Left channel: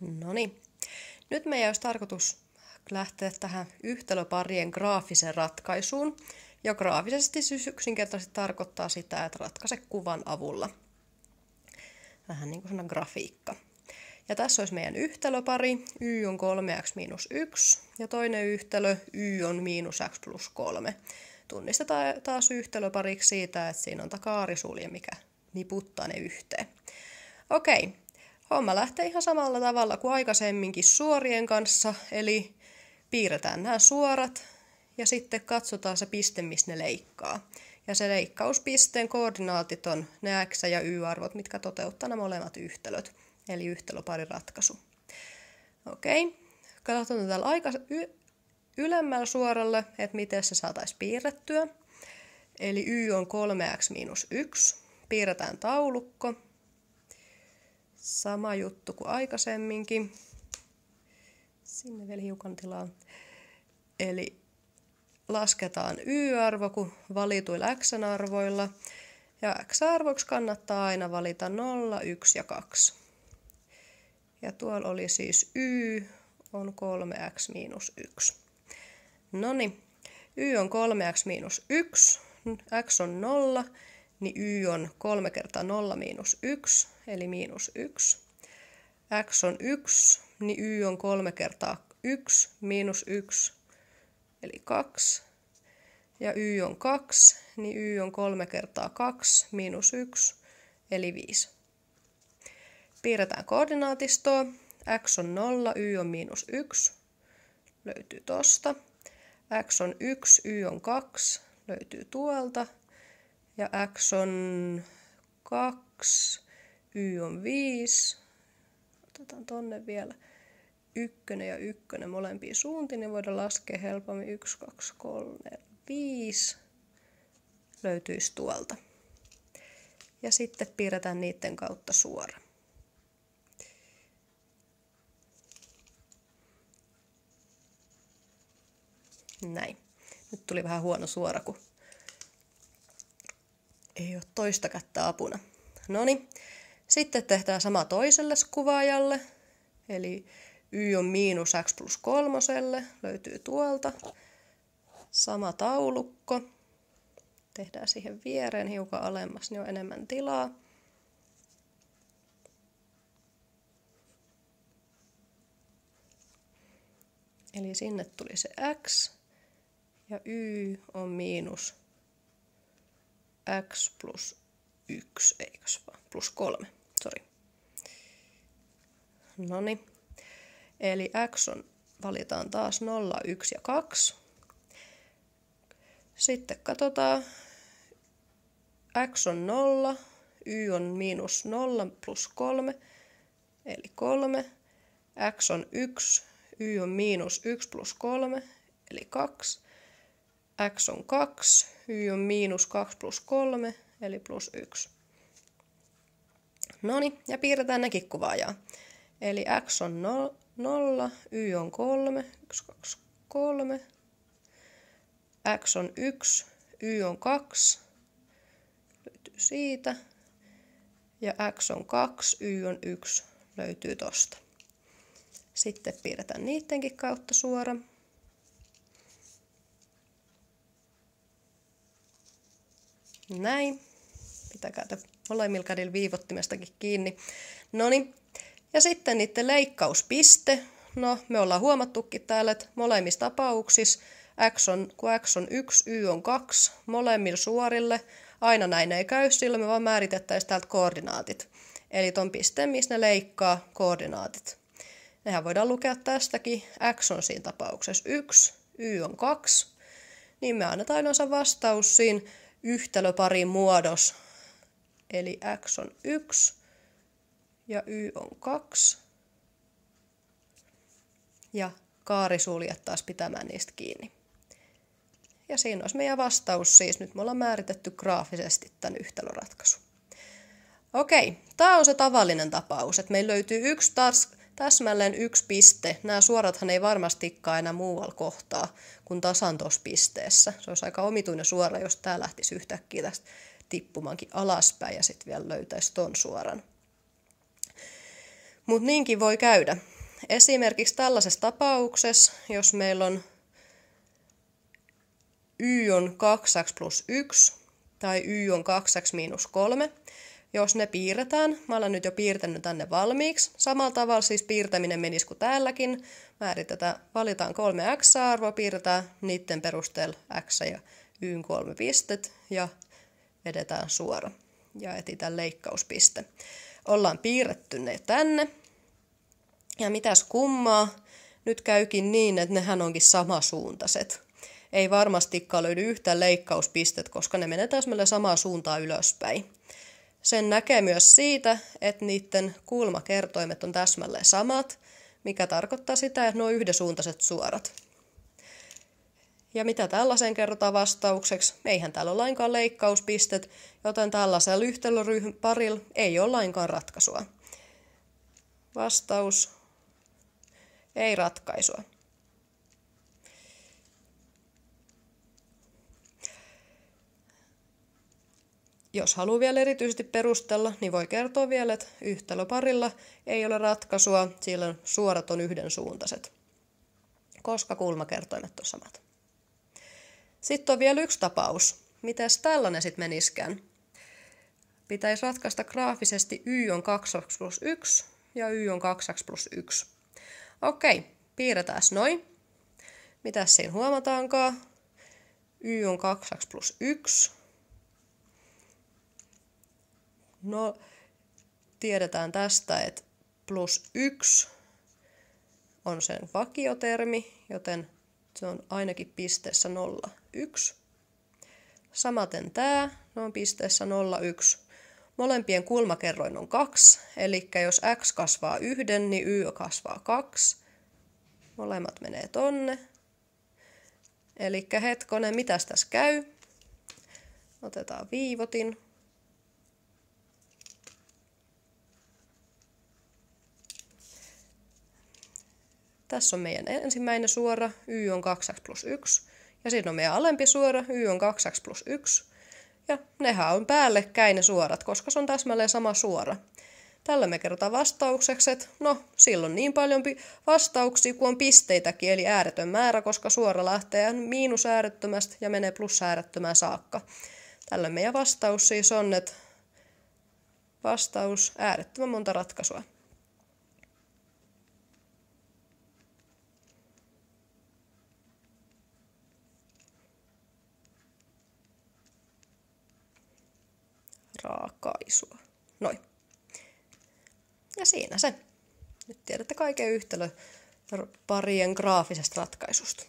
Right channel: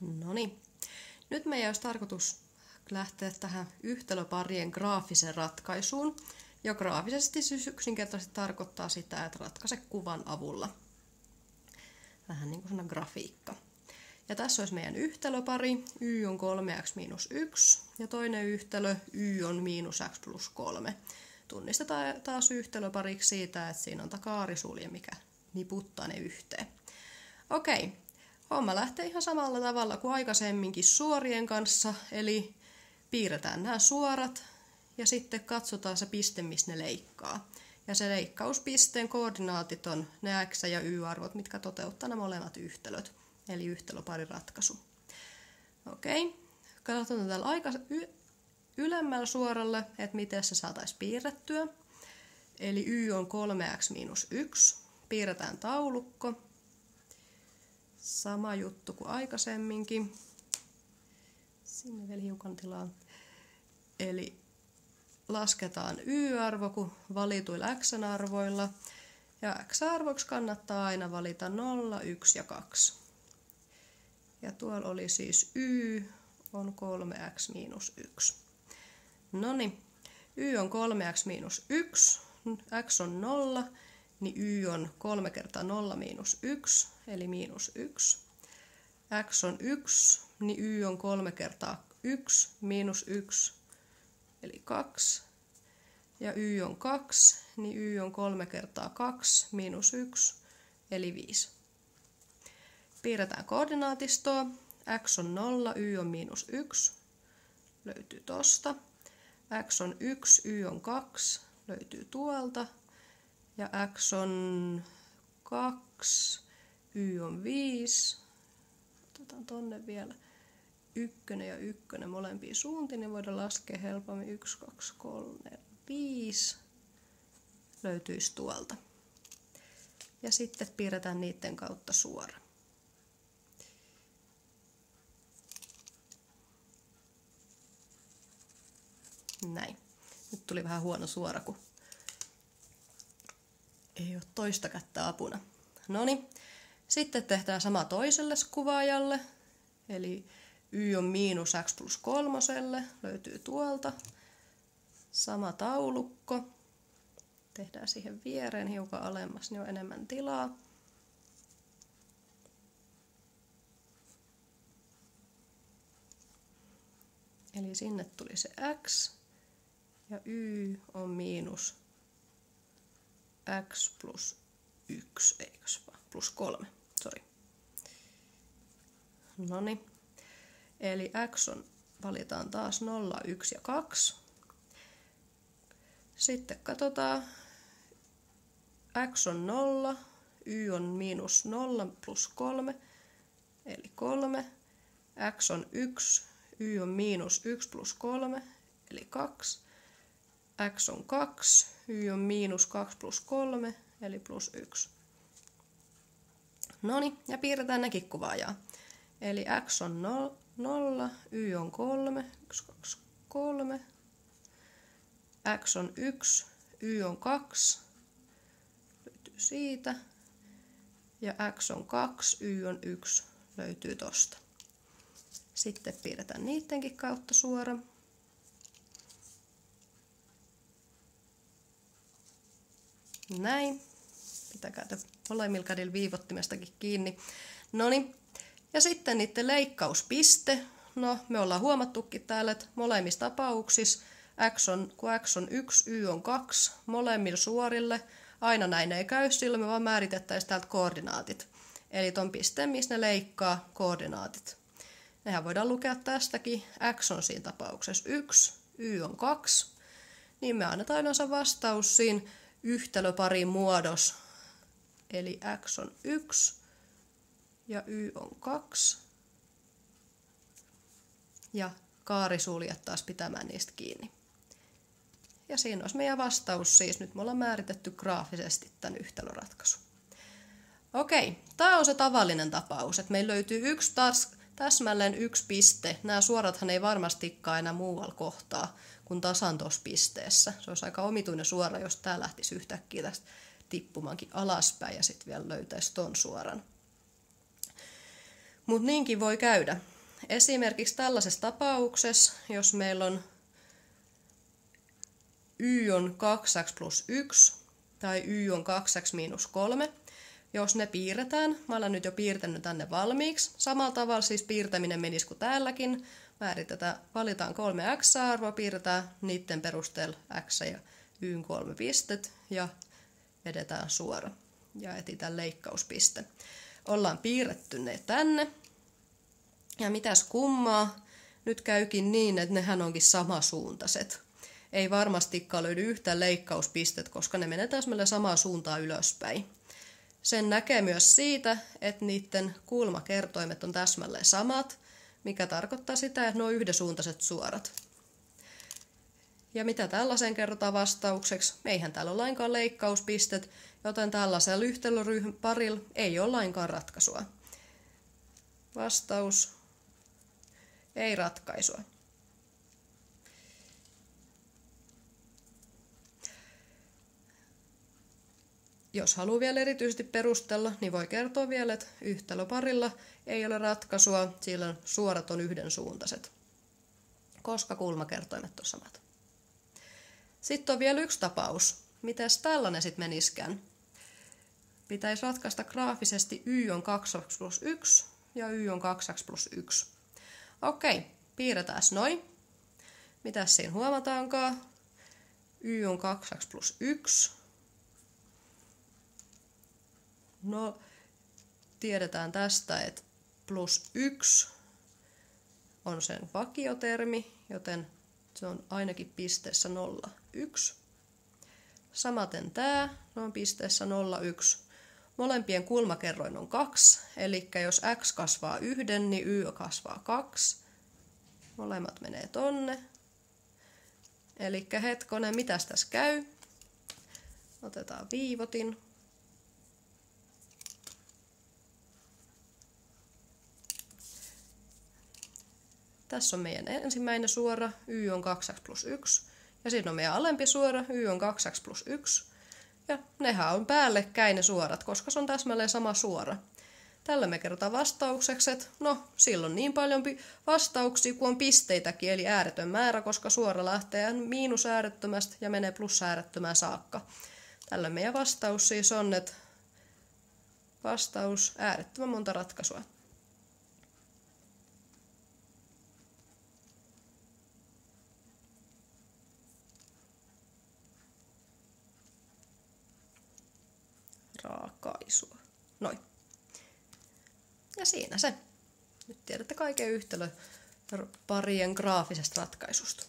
No niin. Nyt meidän olisi tarkoitus lähteä tähän yhtälöparien graafiseen ratkaisuun. Ja graafisesti yksinkertaisesti tarkoittaa sitä, että ratkaise kuvan avulla. Vähän niin kuin sellainen grafiikka. Ja tässä olisi meidän yhtälöpari, y on 3x miinus 1, ja toinen yhtälö, y on miinus x plus 3. Tunnistetaan taas yhtälöpariksi siitä, että siinä on kaarisulje, mikä niputtaa ne yhteen. Okei, homma lähtee ihan samalla tavalla kuin aikaisemminkin suorien kanssa, eli piirretään nämä suorat, ja sitten katsotaan se piste, missä ne leikkaa. Ja se leikkauspisteen koordinaatit on ne x- ja y-arvot, mitkä toteuttaa nämä molemmat yhtälöt. Eli yhtälöparin ratkaisu. Okei, katsotaan täällä aika ylemmällä suoralle, että miten se saataisiin piirrettyä. Eli y on 3x miinus 1. Piirretään taulukko. Sama juttu kuin aikaisemminkin. Sinne vielä hiukan tilaa. Eli lasketaan y-arvo kuin valituilla x-arvoilla. Ja x-arvoksi kannattaa aina valita 0, 1 ja 2. Ja tuolla oli siis y on 3x miinus 1. Noniin, y on 3x miinus 1, x on 0, niin y on 3 kertaa 0 miinus 1, eli miinus 1. X on 1, niin y on 3 kertaa 1, miinus 1, eli 2. Ja y on 2, niin y on 3 kertaa 2, miinus 1, eli 5. Piirretään koordinaatistoa. X on 0, y on miinus 1. Löytyy tosta. X on 1, y on 2. Löytyy tuolta. Ja x on 2, y on 5. Otetaan tonne vielä 1 ja 1 molempiin suuntiin. Niin voidaan laskea helpommin 1, 2, 3, 5. Löytyisi tuolta. Ja sitten piirretään niiden kautta suora. Näin. Nyt tuli vähän huono suora, kun ei ole toista kättä apuna. Noniin. Sitten tehdään sama toiselle kuvaajalle. Eli y on miinus x plus 3. Löytyy tuolta. Sama taulukko. Tehdään siihen viereen hiukan alemmas, niin on enemmän tilaa. Eli sinne tuli se x. Ja y on miinus x plus 1, eikös vaan, plus 3, sori. Noniin. Eli x on, valitaan taas 0, 1 ja 2. Sitten katsotaan, x on 0, y on miinus 0 plus 3, eli 3. X on 1, y on miinus 1 plus 3, eli 2. X on 2, y on miinus 2 plus 3, eli plus 1. Noniin, ja piirretään nekin kuvaajaa. Eli x on 0, y on 3, 1, 2, 3. X on 1, y on 2, löytyy siitä. Ja x on 2, y on 1, löytyy tosta. Sitten piirretään niidenkin kautta suora. Näin. Pitäkää molemmilla kädillä viivottimestakin kiinni. Noniin. Ja sitten niiden leikkauspiste. No, me ollaan huomattukin täällä, että molemmissa tapauksissa kun x on 1, y on 2, molemmilla suorille. Aina näin ei käy, silloin me vaan määritettäisiin täältä koordinaatit. Eli ton pisteen, missä ne leikkaa koordinaatit. Nehän voidaan lukea tästäkin. X on siinä tapauksessa 1, y on 2. Niin me annetaan yleensä vastaus siinä yhtälöparin muodossa. Eli x on 1 ja y on 2. Ja kaarisuljet taas pitämään niistä kiinni. Ja siinä olisi meidän vastaus siis. Nyt me ollaan määritetty graafisesti tämän yhtälöratkaisun. Okei, tämä on se tavallinen tapaus, että meillä löytyy täsmälleen yksi piste. Nämä suorathan ei varmastikaan enää muualla kohtaa kuin tasan tuossa pisteessä. Se olisi aika omituinen suora, jos tämä lähtisi yhtäkkiä tästä tippumaankin alaspäin ja sitten vielä löytäisi ton suoran. Mutta niinkin voi käydä. esimerkiksi tällaisessa tapauksessa, jos meillä on y on 2x plus 1 tai y on 2x miinus 3, jos ne piirretään, mä olen nyt jo piirtänyt tänne valmiiksi, samalla tavalla siis piirtäminen menisi kuin täälläkin, valitaan 3 x-arvoa, piirretään niiden perusteella x ja y 3 pistet ja vedetään suora ja etsitään leikkauspiste. Ollaan piirretty ne tänne. Ja mitäs kummaa, nyt käykin niin, että nehän onkin samasuuntaiset. Ei varmastikaan löydy yhtään leikkauspistet, koska ne menee täsmälleen samaan suuntaan ylöspäin. Sen näkee myös siitä, että niiden kulmakertoimet on täsmälleen samat, mikä tarkoittaa sitä, että ne on yhdensuuntaiset suorat. Ja mitä tällaiseen kerrotaan vastaukseksi? Eihän täällä ole lainkaan leikkauspistet, joten tällaisella yhtälöparilla ei ole lainkaan ratkaisua. Vastaus: ei ratkaisua. Jos haluaa vielä erityisesti perustella, niin voi kertoa vielä, että yhtälöparilla ei ole ratkaisua, sillä suorat on yhdensuuntaiset, koska kulmakertoimet on samat. Sitten on vielä yksi tapaus. Mitäs tällainen sitten meniskään? Pitäisi ratkaista graafisesti y on 2x plus 1 ja y on 2x plus 1. Okei, piirretään noin. Mitäs siinä huomataankaan? Y on 2x plus 1. No, tiedetään tästä, että plus 1 on sen vakiotermi, joten se on ainakin pisteessä 0, 1. Samaten tämä on pisteessä 0, 1. Molempien kulmakerroin on 2, eli jos x kasvaa 1, niin y kasvaa 2. Molemmat menee tonne. Eli hetkonen, mitäs tässä käy? Otetaan viivotin. Tässä on meidän ensimmäinen suora, y on 2x plus 1. Ja siinä on meidän alempi suora, y on 2x plus 1. Ja nehän on päällekkäin ne suorat, koska se on täsmälleen sama suora. Tällä me kerrotaan vastaukseksi, että no, silloin niin paljon vastauksia kuin on pisteitäkin, eli ääretön määrä, koska suora lähtee miinusäärettömästä ja menee plusäärettömään saakka. Tällä meidän vastaus siis on, että vastaus äärettömän monta ratkaisua. Raakaisua. Noin. Ja siinä se. Nyt tiedätte kaiken yhtälöparien graafisesta ratkaisusta.